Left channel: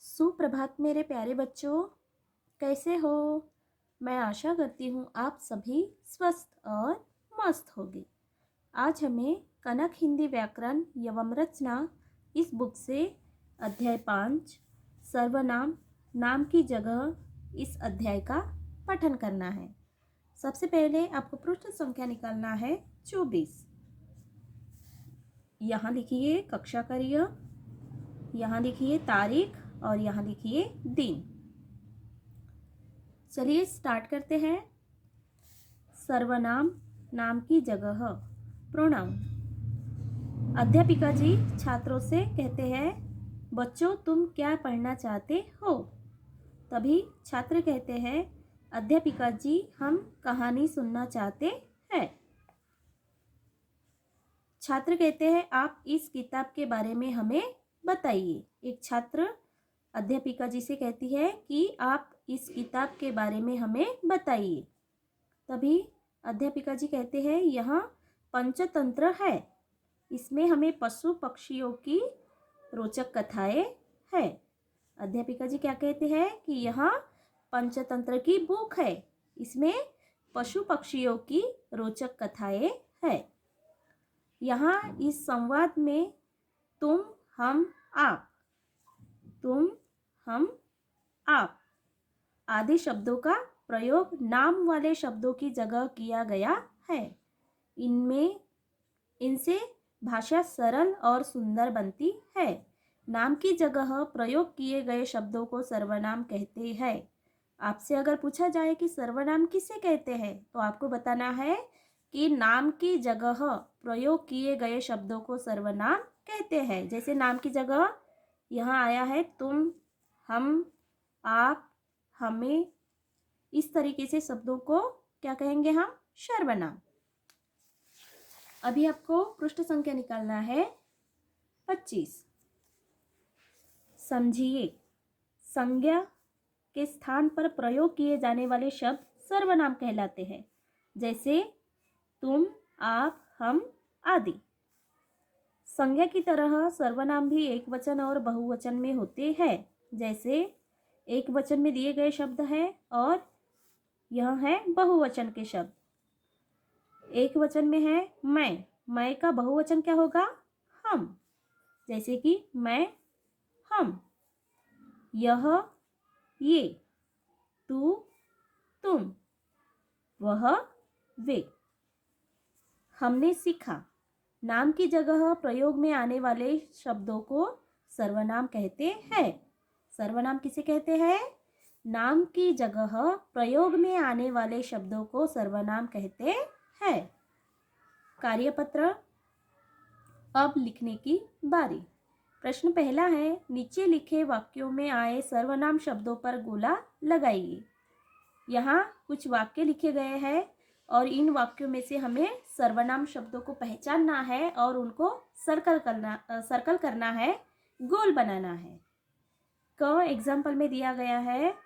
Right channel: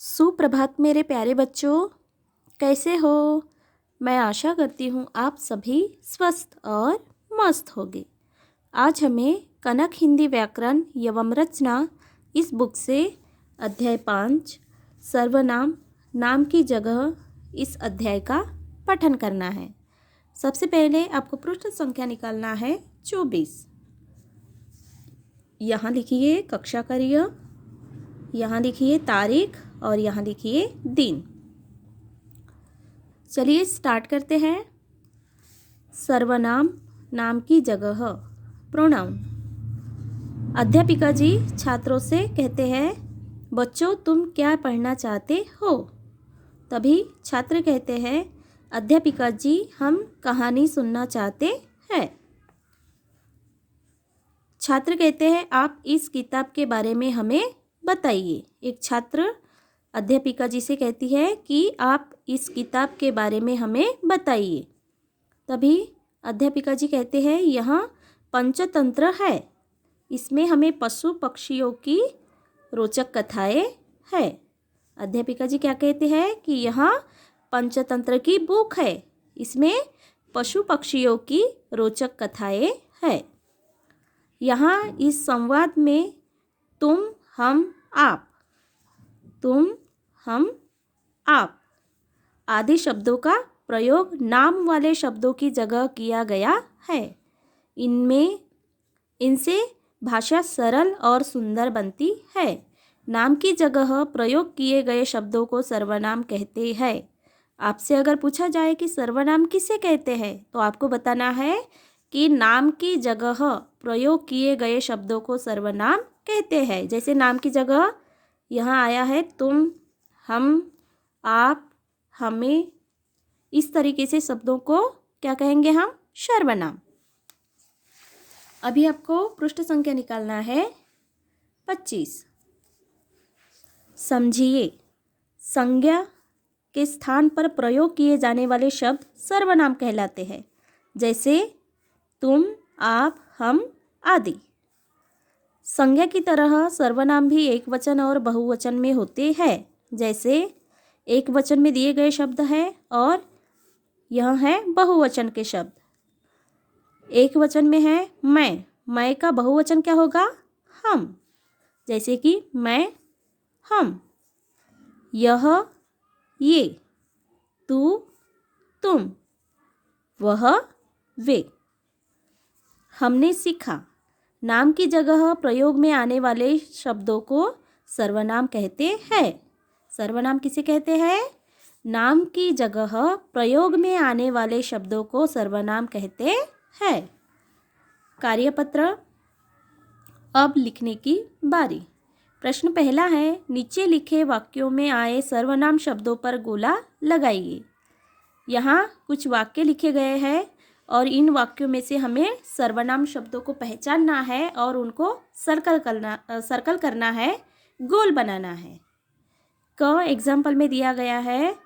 सुप्रभात मेरे प्यारे बच्चों, कैसे हो? मैं आशा करती हूँ आप सभी स्वस्थ और मस्त होंगे। आज हमें कनक हिंदी व्याकरण एवं रचना इस बुक से अध्याय 5 सर्वनाम नाम की जगह इस अध्याय का पठन करना है। सबसे पहले आपको पृष्ठ संख्या निकालना है 24। यहाँ लिखिए कक्षा करिए, यहाँ लिखिए तारीख और यहाँ लिखिए दिन। चलिए स्टार्ट करते हैं। सर्वनाम नाम की जगह प्रोनाउन। अध्यापिका जी छात्रों से कहते हैं, बच्चों तुम क्या पढ़ना चाहते हो? तभी छात्र कहते हैं, अध्यापिका जी हम कहानी सुनना चाहते हैं। छात्र कहते हैं, आप इस किताब के बारे में हमें बताइए। एक छात्र अध्यापिका जी से कहती है कि आप इस किताब के बारे में हमें बताइए। तभी अध्यापिका जी कहते हैं, यहाँ पंचतंत्र है, इसमें हमें पशु पक्षियों की रोचक कथाएं है। अध्यापिका जी क्या कहते हैं कि यहाँ पंचतंत्र की बुक है, इसमें पशु पक्षियों की रोचक कथाएं है। यहाँ इस संवाद में तुम हम आप आदि शब्दों का प्रयोग नाम वाले शब्दों की जगह किया गया है। इनसे भाषा सरल और सुंदर बनती है। नाम की जगह प्रयोग किए गए शब्दों को सर्वनाम कहते हैं। आपसे अगर पूछा जाए कि सर्वनाम किसे कहते हैं, तो आपको बताना है कि नाम की जगह प्रयोग किए गए शब्दों को सर्वनाम कहते हैं। जैसे नाम की जगह यहाँ आया है तुम, हम, आप, हमें, इस तरीके से शब्दों को क्या कहेंगे हम? सर्वनाम। अभी आपको पृष्ठ संख्या निकालना है 25। समझिए, संज्ञा के स्थान पर प्रयोग किए जाने वाले शब्द सर्वनाम कहलाते हैं। जैसे तुम, आप, हम आदि। संज्ञा की तरह सर्वनाम भी एक वचन और बहुवचन में होते हैं। जैसे एक वचन में दिए गए शब्द है और यह है बहुवचन के शब्द। एक वचन में है मैं का बहुवचन क्या होगा? हम। जैसे कि मैं, हम, यह, ये, तू, तुम, वह, वे। हमने सीखा। नाम की जगह प्रयोग में आने वाले शब्दों को सर्वनाम कहते हैं। सर्वनाम किसे कहते हैं? नाम की जगह प्रयोग में आने वाले शब्दों को सर्वनाम कहते हैं। कार्यपत्र। अब लिखने की बारी। प्रश्न पहला है, नीचे लिखे वाक्यों में आए सर्वनाम शब्दों पर गोला लगाइए। यहाँ कुछ वाक्य लिखे गए हैं और इन वाक्यों में से हमें सर्वनाम शब्दों को पहचानना है और उनको सर्कल करना है, गोल बनाना है। क एग्जाम्पल में दिया गया है,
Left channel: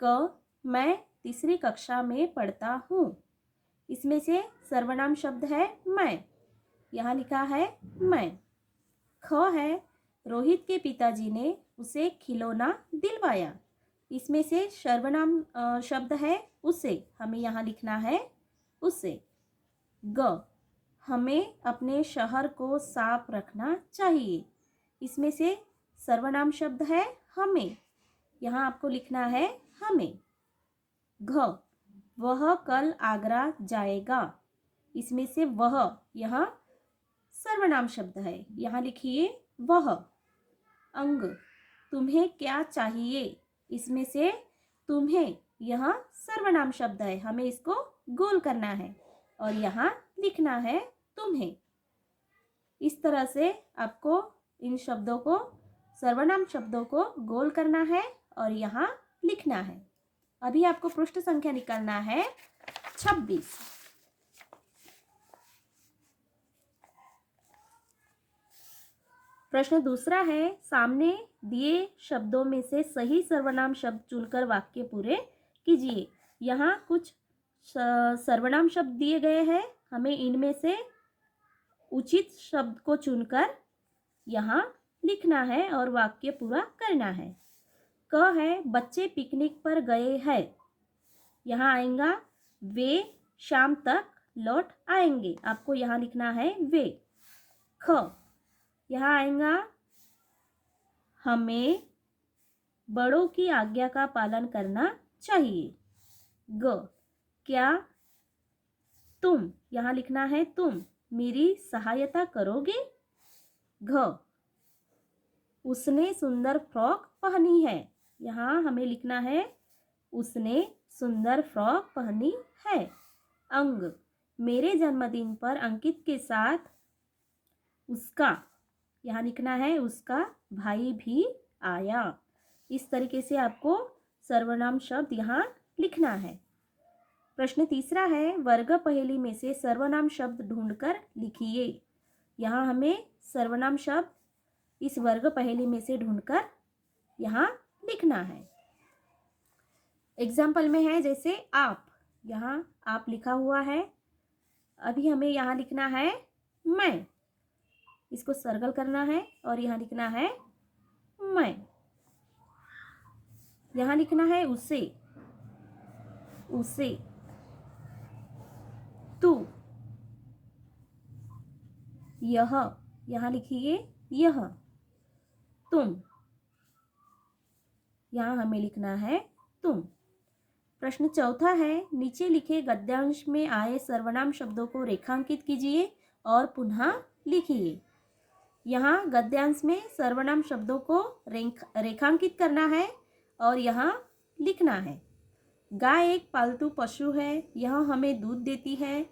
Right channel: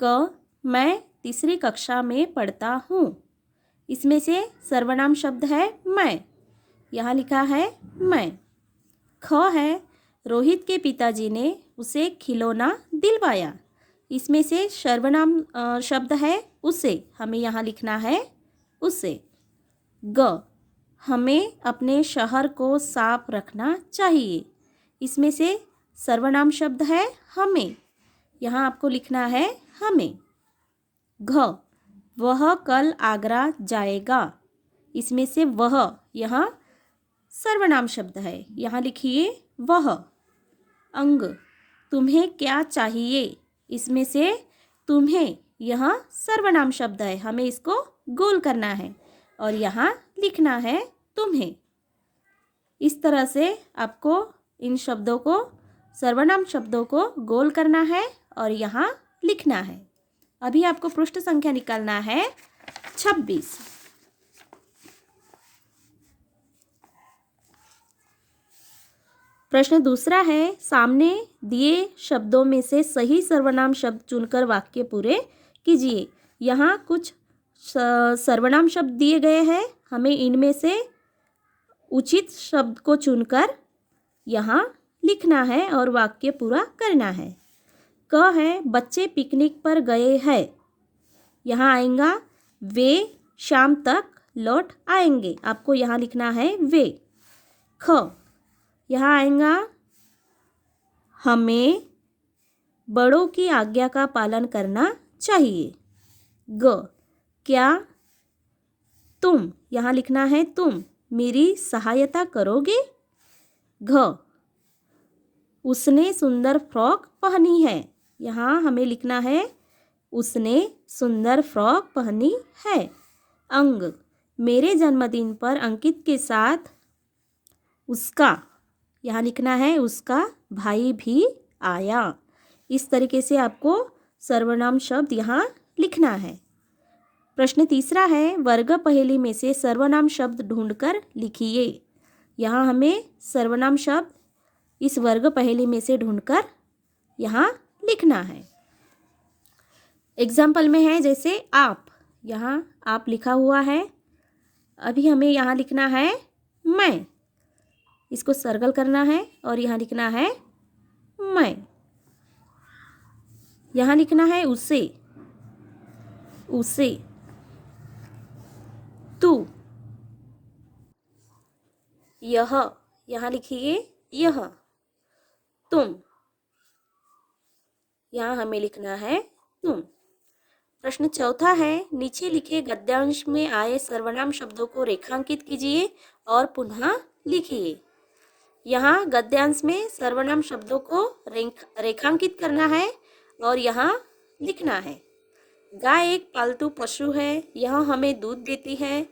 क मैं तीसरी कक्षा में पढ़ता हूँ। इसमें से सर्वनाम शब्द है मैं, यहाँ लिखा है मैं। ख है, रोहित के पिताजी ने उसे खिलौना दिलवाया। इसमें से सर्वनाम शब्द है उसे, हमें यहाँ लिखना है उसे। ग, हमें अपने शहर को साफ रखना चाहिए। इसमें से सर्वनाम शब्द है हमें, यहाँ आपको लिखना है हमें। घ, वह कल आगरा जाएगा। इसमें से वह यहाँ सर्वनाम शब्द है, यहाँ लिखिए वह। अंग, तुम्हें क्या चाहिए? इसमें से तुम्हें यहाँ सर्वनाम शब्द है, हमें इसको गोल करना है और यहाँ लिखना है तुम्हें। इस तरह से आपको इन शब्दों को, सर्वनाम शब्दों को गोल करना है और यहाँ लिखना है। अभी आपको पृष्ठ संख्या निकालना है 26। प्रश्न दूसरा है, सामने दिए शब्दों में से सही सर्वनाम शब्द चुनकर वाक्य पूरे कीजिए। यहाँ कुछ सर्वनाम शब्द दिए गए हैं, हमें इनमें से उचित शब्द को चुनकर यहाँ लिखना है और वाक्य पूरा करना है। क है बच्चे पिकनिक पर गए हैं। यहाँ आएगा वे शाम तक लौट आएंगे। आपको यहाँ लिखना है वे। ख यहाँ आएगा हमें बड़ों की आज्ञा का पालन करना चाहिए। ग क्या तुम यहाँ लिखना है तुम मेरी सहायता करोगे। घ उसने सुंदर फ्रॉक पहनी है। यहाँ हमें लिखना है उसने सुंदर फ्रॉक पहनी है। अंग मेरे जन्मदिन पर अंकित के साथ उसका, यहाँ लिखना है उसका भाई भी आया। इस तरीके से आपको सर्वनाम शब्द यहाँ लिखना है। प्रश्न तीसरा है वर्ग पहेली में से सर्वनाम शब्द ढूंढकर लिखिए। यहाँ हमें सर्वनाम शब्द इस वर्ग पहेली में से ढूंढकर यहाँ लिखना है। एग्जाम्पल में है जैसे आप, यहाँ आप लिखा हुआ है। अभी हमें यहाँ लिखना है मैं, इसको सर्कल करना है और यहाँ लिखना है मैं। यहाँ लिखना है उसे, उसे। तू, यह, यहाँ लिखिए यह। तुम, यहाँ हमें लिखना है तुम। प्रश्न चौथा है नीचे लिखे गद्यांश में आए सर्वनाम शब्दों को रेखांकित कीजिए और पुनः लिखिए। यहाँ गद्यांश में सर्वनाम शब्दों को रेखांकित करना है और यहाँ लिखना है। गाय एक पालतू पशु है। यह हमें दूध देती है।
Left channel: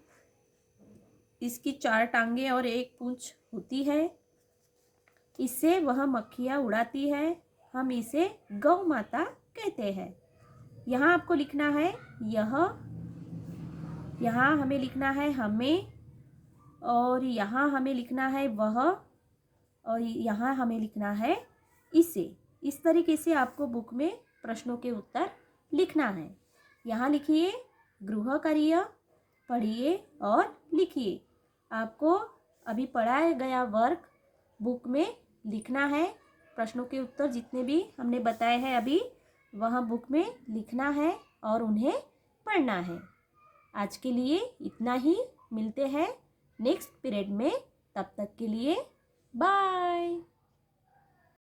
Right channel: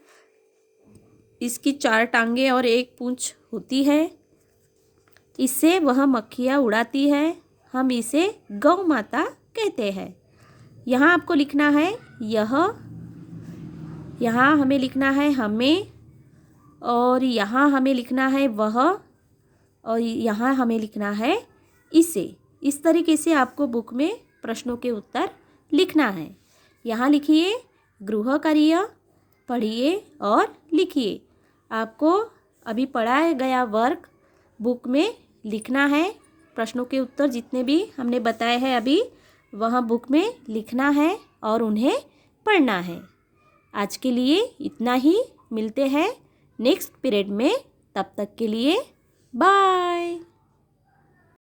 इसकी 4 टांगे और 1 पूंछ होती है। इससे वह मक्खियाँ उड़ाती है। हम इसे गौ माता कहते हैं। यहाँ आपको लिखना है यह, यहाँ हमें लिखना है हमें, और यहाँ हमें लिखना है वह, और यहाँ हमें लिखना है इसे। इस तरीके से आपको बुक में प्रश्नों के उत्तर लिखना है। यहाँ लिखिए गृह कार्य, पढ़िए और लिखिए। आपको अभी पढ़ाया गया वर्क बुक में लिखना है। प्रश्नों के उत्तर जितने भी हमने बताए हैं अभी, वह बुक में लिखना है और उन्हें पढ़ना है। आज के लिए इतना ही। मिलते हैं नेक्स्ट पीरियड में। तब तक के लिए बाय।